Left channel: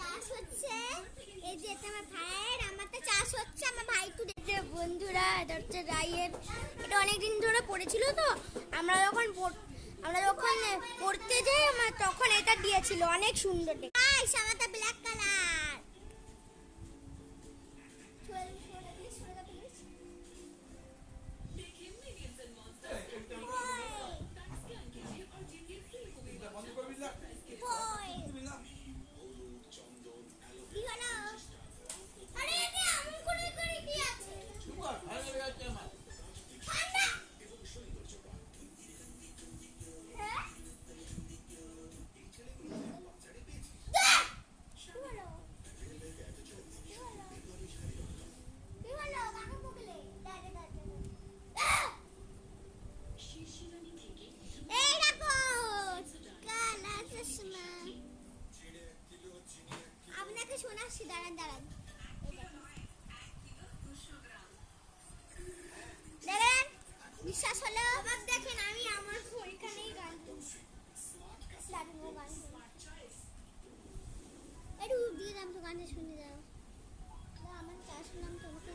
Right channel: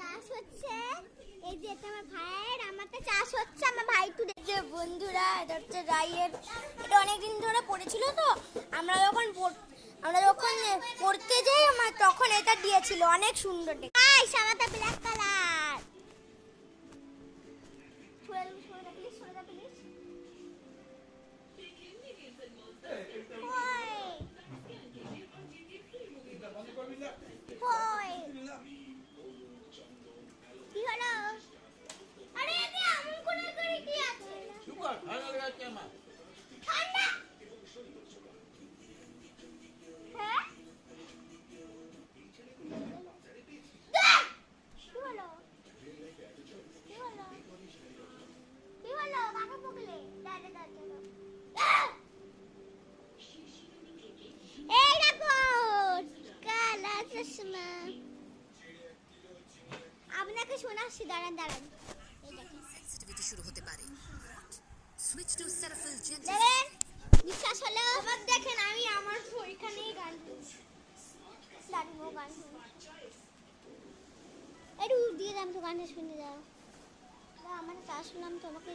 চাষ হচ্ছে। এই যে এটা আমার ভাইয়ের, আমারটা চাষ হচ্ছে। আমার ভাই একটু দেখছে বন্ধুরা, এটা হচ্ছে রাইয়ের। এটা অনেকদিন ধরে পড়েছিল তো, আমরা যখন পড়তে যাই আমার তখন এটা দিয়েছিল, অনেক সুন্দর দেখতে। আমারটা ব্ল্যাক কালার। আপনাকে শোনাচ্ছি, দাঁড়ান দাঁড়ান। দেখেন বিশ্বাস হলো আবার দেখেন আমি আমার ওইখানেই গান গান একটু দিয়ে দাম তো গানে শুনে যাও। আমার তা শুনলাম তোমাকে